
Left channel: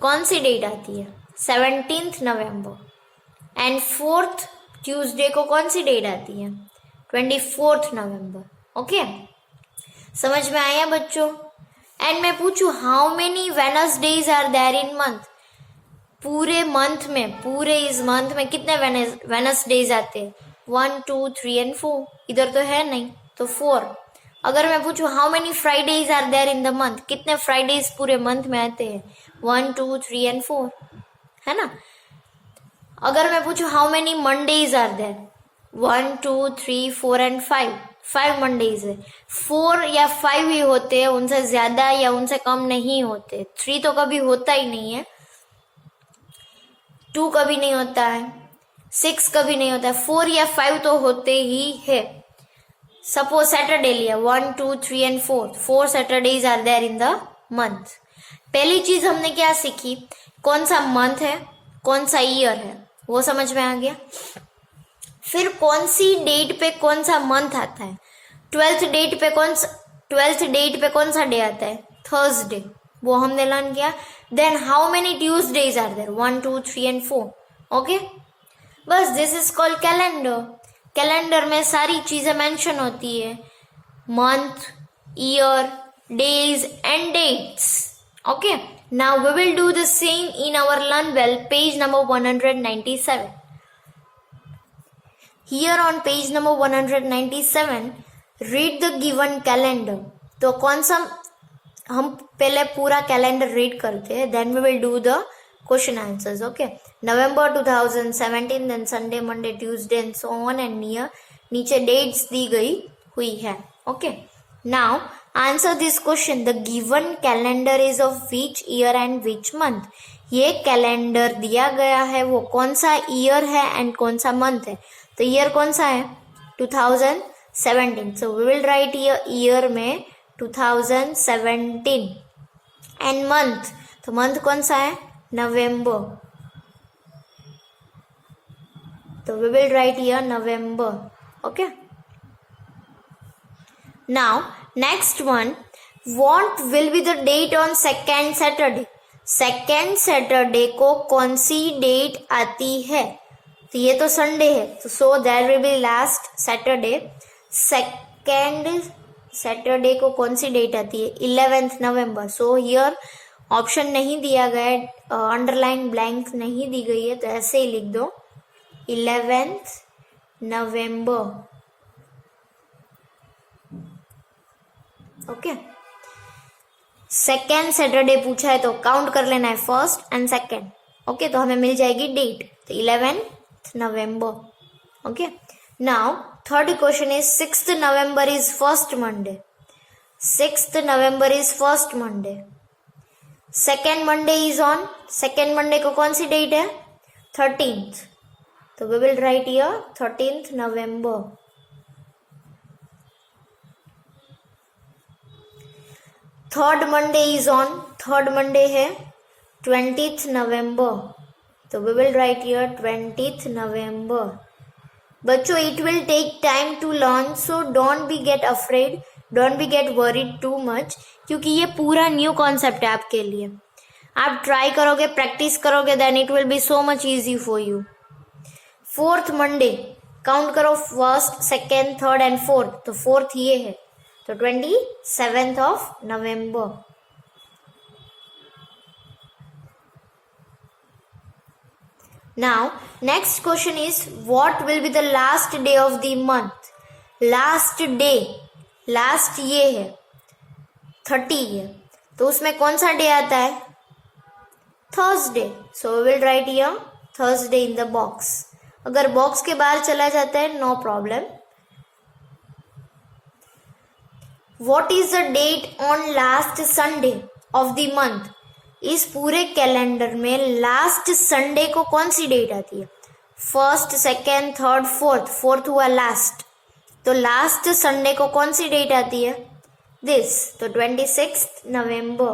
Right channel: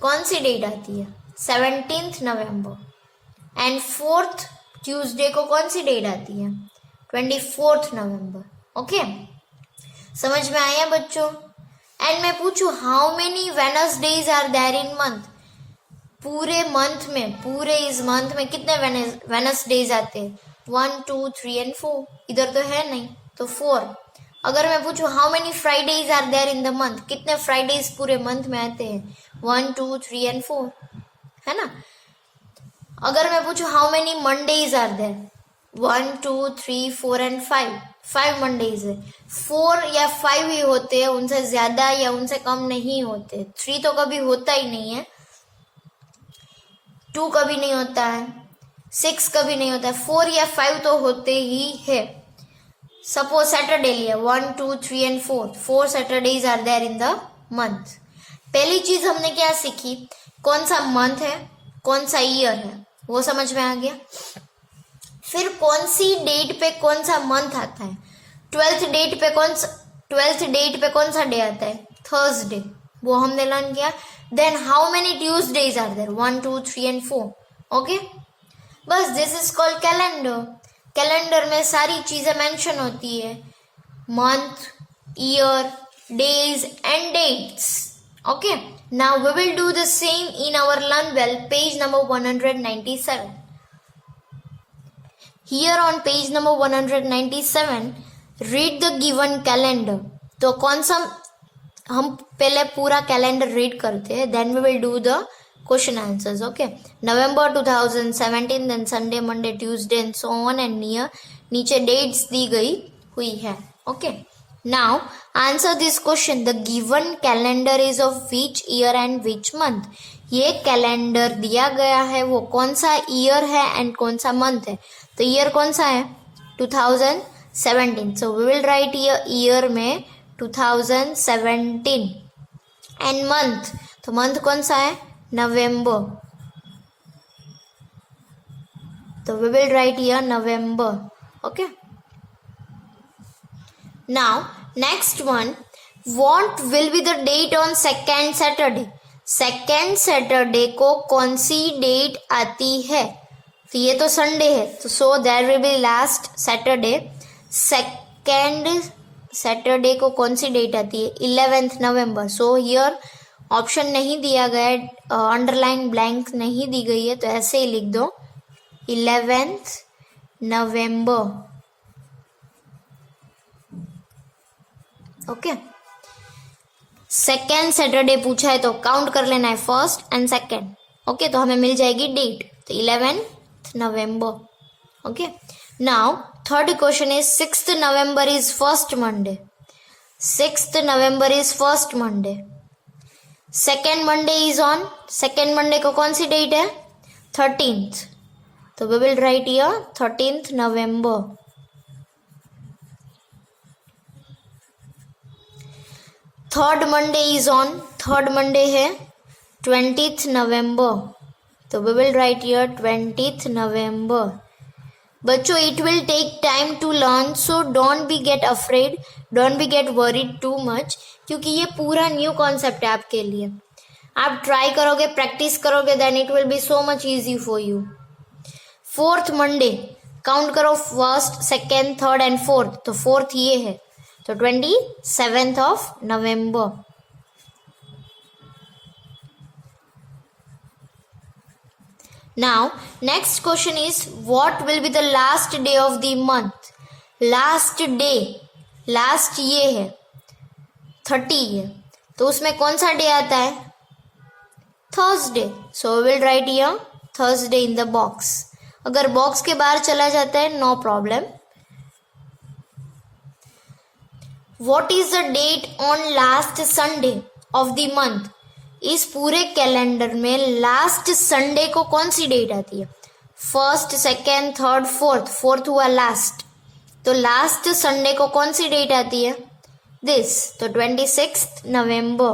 कौन सी डेट आती है? 17 नवंबर। एंड 4th ट्यूसडे को कौन सी डेट आती है? 24 नवंबर। ओके, समझ में आया बच्चों? एंड मैं पूछूं how many Wednesdays are there in month? पूरे मंथ में, पूरे इस मंथ में कितने वेनसडेज आते हैं? 1 2 3 एंड 4। इधर तो है नहीं, तो 4। अगर मैं पूछूं how many Fridays are there in the month, कितने फ्राइडेज पूरे मंथ में आते हैं? 1 2 3 एंड 4, है ना? अगर मैं पूछूं how many Mondays are there? 1 2 3 4 and 5। 5 Mondays है। 4 या 5 ही होते हैं, उनसे ज्यादा या उनसे कम नहीं होते। 3 तो कभी होता ही नहीं है, 2 कभी नहीं होता है, 6 कभी नहीं होता है, 4 या 5 तो होते ही है। सपोज सैटरडे लिया, 1 2 3 and 4 Saturdays are there in the month. पहली चीज हमने क्या सीखी? कौन सा मंथ है, कौन सा ईयर है, वो समझ में आ गया। फिर कौन सी डेट पे कौन सा मंथ आता है? 12th डेट पे कौन सा डे आता है? थर्सडे, वो हमने लर्न किया। Then how many Tuesdays are there? 1 2 3 and 4। Okay, बस this is called calendar. Calendar में सारी चीजें मेंशन होती है, month, year, days and dates. Okay, now we will do the same in our learn well page number 197। Here on page number 197, read the given calendar. तो कौन सा, हम पहले पूरा कैलेंडर रीड करते हैं, then we will do the question answers. Okay, November 2017, देन Sunday, Monday, Tuesday and so on and near. नीचे डेट्स दी गई हुई है। Okay, now answer this question. The given calendar is of which year and which month? ये calendar दिया गया है, वो कौन सा ईयर है एंड कौन सा मंथ है? तो ईयर कौन सा है? 2017। So we will write year में 2017। एंड मंथ, तो मंथ कौन सा है? नवंबर। तो we will write year November. Okay, now next one, what will be the date on second Saturday? Second Saturday को कौन सी डेट आती है? तो ये तो संडे है, तो so there will be last Saturday. Second Saturday को कौन सी डेट आती है? 11th November. So here option नहीं दिया गया है, अंडरलाइन ब्लैंक नहीं दी गई है, तो ऐसे ही लिख दो 11th November. Okay, second Saturday पूछा है तो काउंट कर लेना है फर्स्ट एंड सेकेंड। ओके, तो हमें मिल जाएगी डेट, तो 11th November. Okay, now third question is 6th November is first Monday. 6th November is first Monday. Second Monday is on, second Monday को कौन सी डेट है? 13th। तो we will write here 13th November. Third Monday is on, third Monday है 20th November. तो we will write here 20th November. बच्चों, it will take time to learn, so don't be get afraid, don't be gate worried too much, क्योंकि ये पूरा new concept है आपके लिए। आप ट्राई करोगे, प्रैक्टिस करोगे, then it will be so much easy for you. Fourth Monday, count करो, first, second, third and fourth, तो फोर्थ ये है, तो 27th of November. Now, next question is, what will be the last day of the month? Last day, last ये है 30 है, तो उसमें कौन सा डे आता है? Thursday. So we will write here Thursday in the box. अगर बॉक्स के बाहर चला जाता है, no problem. What is the date on last Sunday of the month? इस पूरे कैलेंडर में लास्ट संडे को कौन सी डेट आती है? First, second, third, fourth, fourth हुआ लास्ट, तो लास्ट संडे को कौन सी डेट आती है? दिस, तो 26th नवंबर।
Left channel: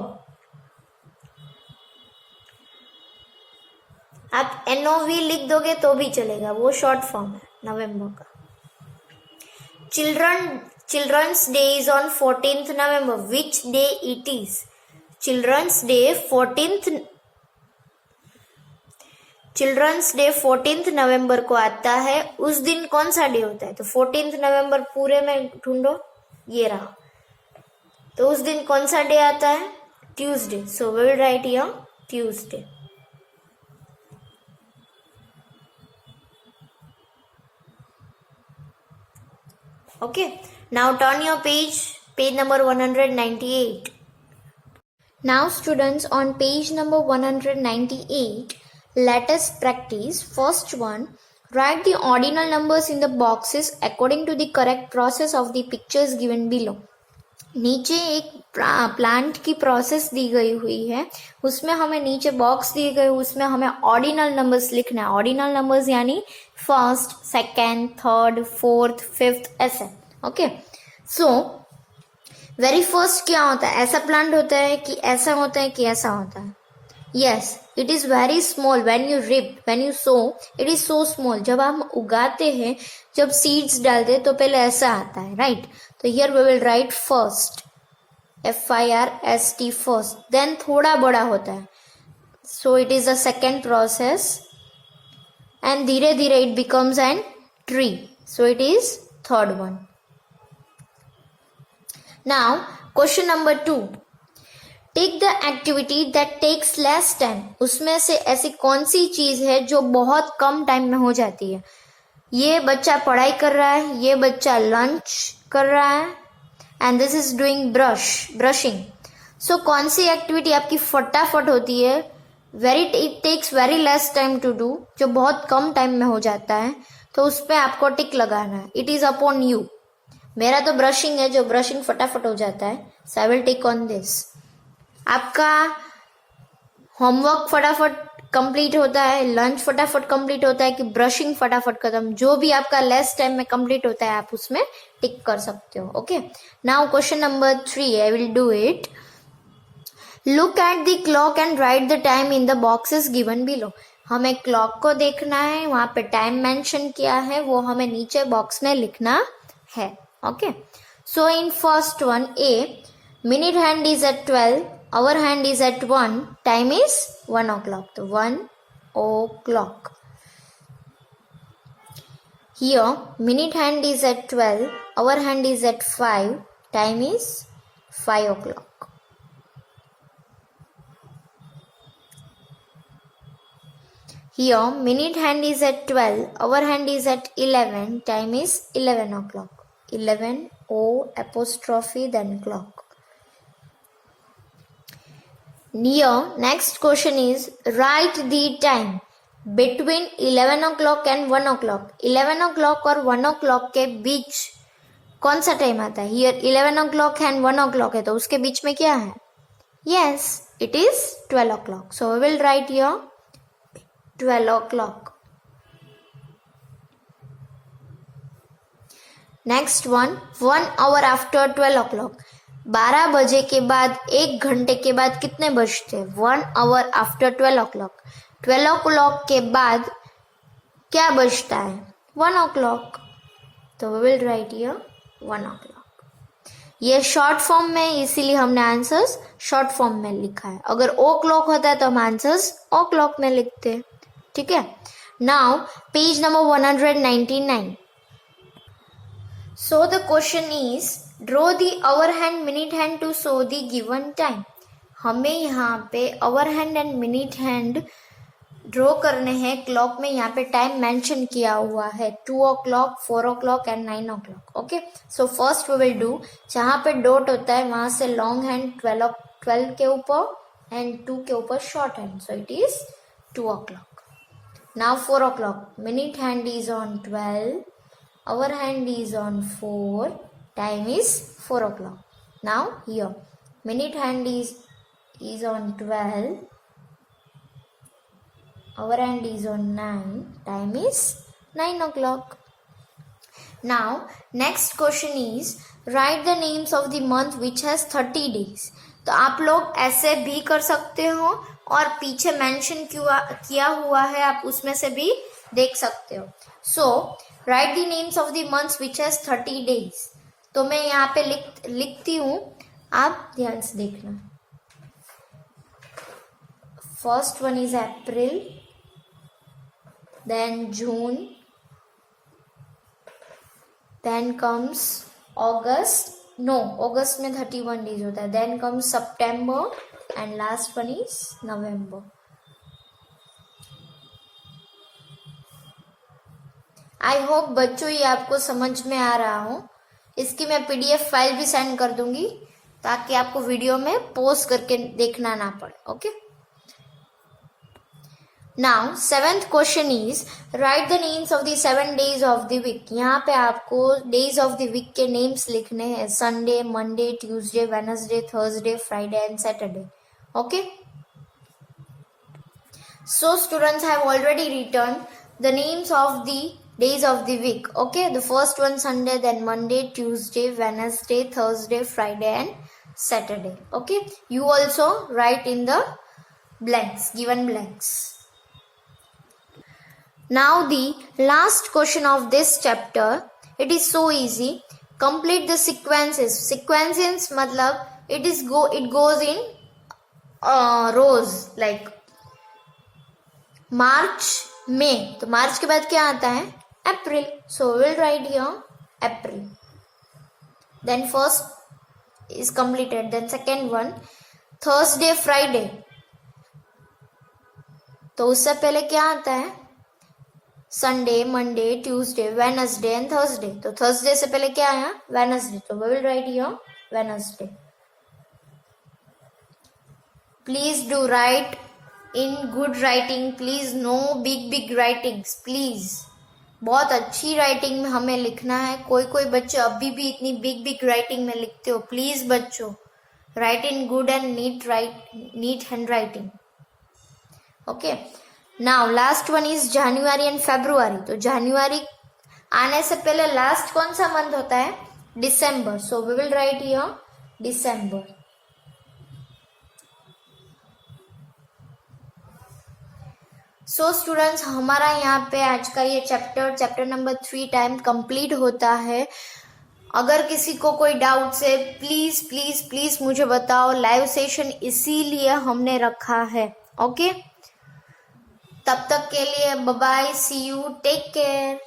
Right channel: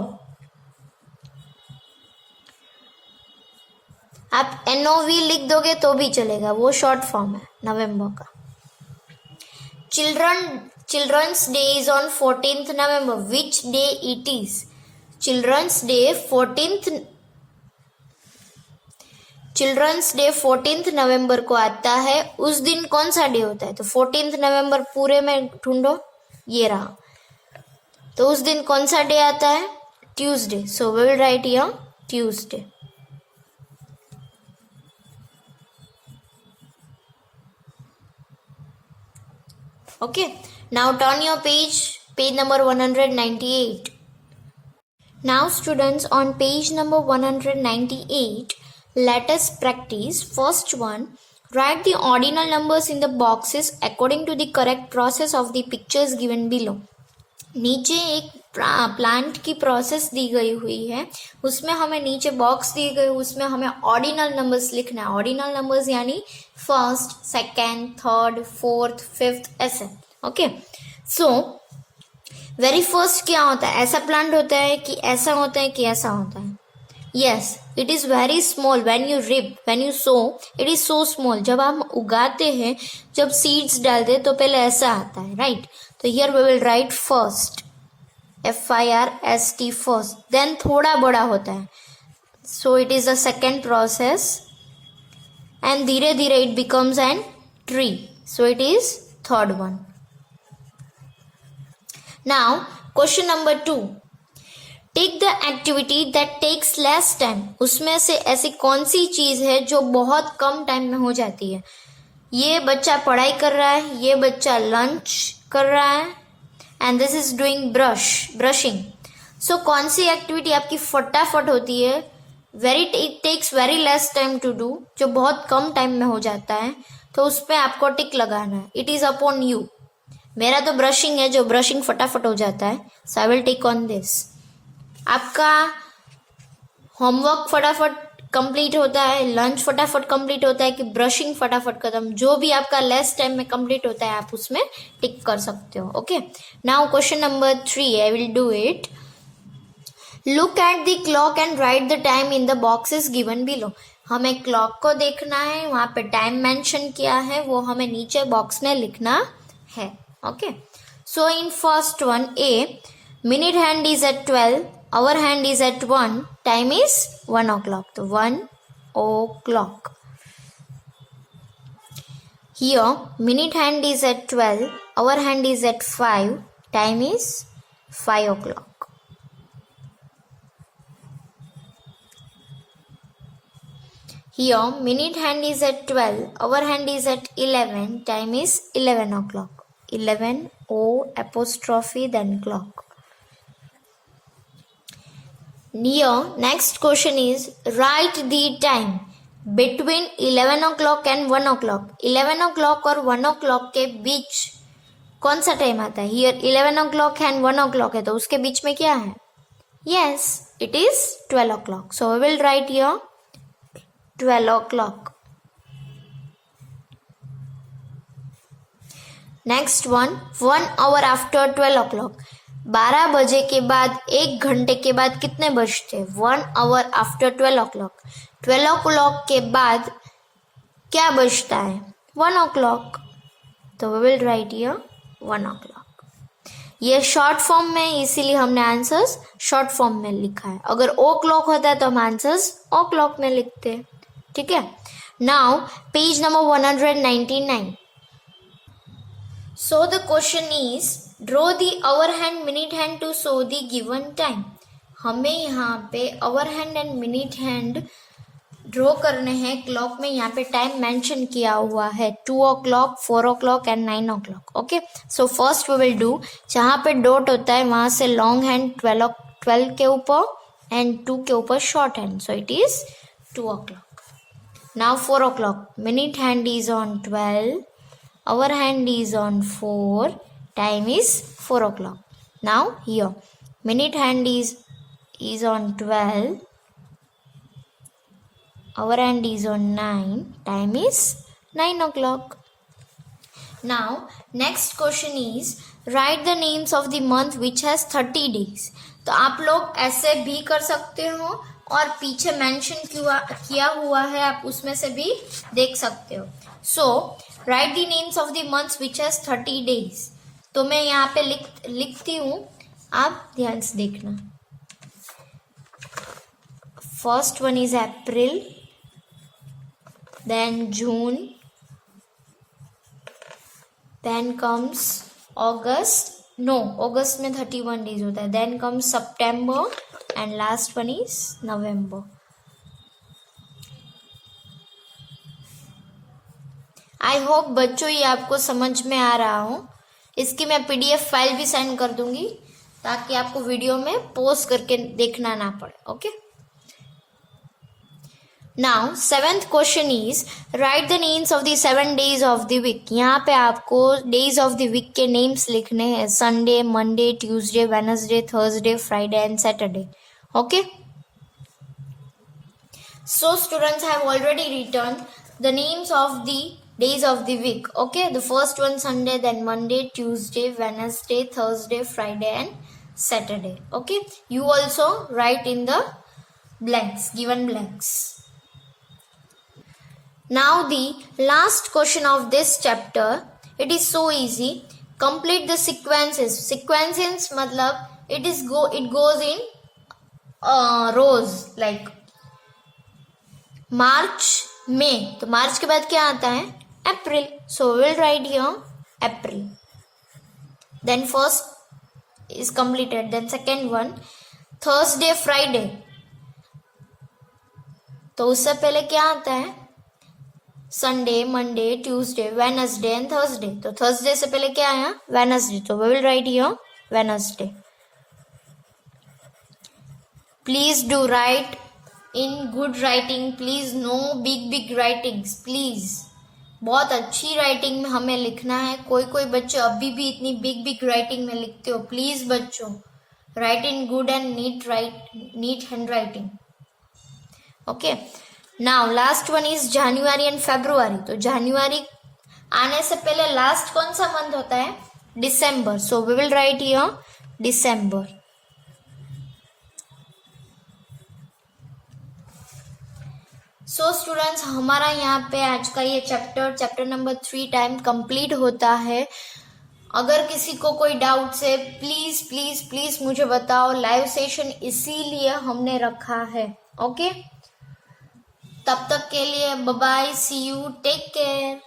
आप NOV लिख दोगे तो भी चलेगा, वो शॉर्ट फॉर्म है नवंबर का। Children's day is on 14th November. Which day it is? Children's day 14th children's day 14 नवंबर को आता है, उस दिन कौन सा डे होता है? तो 14 नवंबर पूरे में ढूंढो, ये रहा, तो उस दिन कौन सा डे आता है? Tuesday. So we will write here Tuesday. Okay, now turn your page number 198. Now students, on page number 198, let us practice. First one, write the ordinal numbers in the boxes according to the correct process of the pictures given below. नीचे एक plant की process दी गई हुई है, उसमें हमें नीचे box दिए गए, उसमें हमें ऑर्डिनल नंबर्स लिखना है. ऑर्डिनल नंबर्स यानी first, second, third, fourth, fifth, ऐसे. ओके, सो वेरी फर्स्ट क्या होता है? ऐसा प्लांट होता है कि ऐसा होता है कि ऐसा होता है? Yes, it is very small. When you rib, when you so, it is so small. जब हम उगाते हैं, जब सीड्स डालते हैं, तो पहले ऐसा आता है, राइट? तो here we will write first, FIRST, first. Then थोड़ा बड़ा होता है, so it is a second process, and धीरे धीरे it becomes an tree, so it is third one. Now, question number 2. Take the activity that takes less time. उसमें से ऐसी कौन सी चीज है जो बहुत कम टाइम में हो जाती है? ये बच्चा पढ़ाई कर रहा है, ये बच्चा लंच कर रहा है, and this is doing brushing. So कौन सी एक्टिविटी आपकी फटाफट होती है? It takes very less time to do, जो बहुत कम टाइम में हो जाता है, तो उस पर आपको टिक लगाना है. It is upon you. मेरा तो ब्रशिंग है, जो ब्रशिंग फटाफट हो जाता है, so I will take on this. आपका होमवर्क फटाफट कंप्लीट होता है, लंच फटाफट कंप्लीट होता है, कि ब्रशिंग फटाफट खत्म, जो भी आपका लेस टाइम में कंप्लीट होता है, आप उसमें टिक कर सकते हो. Okay, now question number 3, I will do it. Look at the clock and right the time in the boxes given below. हमें क्लॉक को देखना है, वहां पे टाइम मेंशन किया है, वो हमें नीचे बॉक्स में लिखना है. Okay, so in first one, A, minute hand is at 12, hour hand is at 1, time is 1 o'clock. So 1 o'clock. Here, minute hand is at 12, hour hand is at 5, time is 5 o'clock. Here, minute hand is at 12, hour hand is at 11, time is 11 o'clock. 11 O apostrophe then clock. Here, next question is write the time between 11 o'clock and 1 o'clock. 11 o'clock और 1 o'clock के बीच कौन सा time आता है? Here 11 o'clock and 1 o'clock है, तो उसके बीच में क्या है? Yes, it is 12 o'clock. So we will write here 12 o'clock. Next one, 1 hour after 12 o'clock. 12 बजे के बाद, 1 घंटे के बाद कितने बजते? 1 hour आफ्टर 12 o'clock. 12 o'clock के बाद क्या बजता है? 1 o'clock. तो we will write here 1 o'clock. ये शॉर्ट फॉर्म में, इसीलिए हमने आंसर्स शॉर्ट फॉर्म में लिखा है. अगर ओ क्लॉक होता है तो हम आंसर्स ओ क्लॉक में लिखते. ठीक है. Now page number 199. So the question is, draw the hour hand, minute hand to show the given time. हमें यहाँ पे hour hand and minute hand draw करने हैं. क्लॉक में यहाँ पे टाइम मेंशन किया हुआ है, 2 o'clock, 4 o'clock and 9 o'clock. Okay, so first we will do, जहाँ पे डॉट होता है वहाँ से लॉन्ग हैंड 12 के ऊपर एंड 2 के ऊपर short hand, so it is 2 o'clock. Now 4 o'clock, minute hand is on 12, our hand is on 4, time is 4 o'clock. Now here, minute hand is on 12, our hand is on 9, time is 9 o'clock. Now next question is, write the names of the month which has 30 days. तो आप लोग ऐसे भी कर सकते हो, और पीछे मेंशन किया हुआ है, आप उसमें से भी देख सकते हो. So write the names of the months which has 30 days. तो मैं यहाँ पे लिखती हूँ, आप ध्यान से देखना. First one is April, then June, then comes August. No, August में 31 days होता है. Then comes September and last one is November. I hope बच्चों ये आपको समझ में आ रहा हो. इसकी मैं PDF फाइल भी सेंड कर दूंगी ताकि आपको वीडियो में पोस्ट करके देखना ना पड़े. Okay. Now 7th question is write the names of the 7 days of the week. यहाँ पे आपको डेज ऑफ द वीक के नेम्स लिखने हैं. Sunday, Monday, Tuesday, Wednesday, Thursday, Friday and Saturday. Okay. So students have already return the names of the days of the week. Okay, the first one Sunday, then Monday, Tuesday, Wednesday, Thursday, Friday and Saturday. Okay, you also write in the blanks, given blanks. Now the last question of this chapter, it is so easy. Complete the sequences. Sequences matlab it goes in rows like March, May. तो मार्च के बाद क्या आता है? April. So will write here April. Then first is completed. Then second one Thursday, Friday. तो उससे पहले क्या आता है? Sunday, Monday, Tuesday, Wednesday and Thursday. तो थर्सडे से पहले क्या आया? वेडनेसडे. तो we will write here Wednesday. Please do write in good writing. please no big writings please. बहुत अच्छी राइटिंग में हमें लिखना है. कोई बच्चे अभी भी इतनी बिग राइटिंग में लिखते हो. प्लीज बच्चों write in good and neat handwriting. Okay. Now last one is January and February. तो जनवरी आने से पहले लास्ट कौन सा मंथ होता है? दिसंबर. So we will write here December. So students हमारा यहाँ पे आज का ये चैप्टर नंबर 3 टाइम कंप्लीट होता है. अगर किसी को कोई डाउट है प्लीज मुझे बताओ. लाइव सेशन इसीलिए हमने रखा है. ओके. तब तक के लिए bye bye. See you. Take care.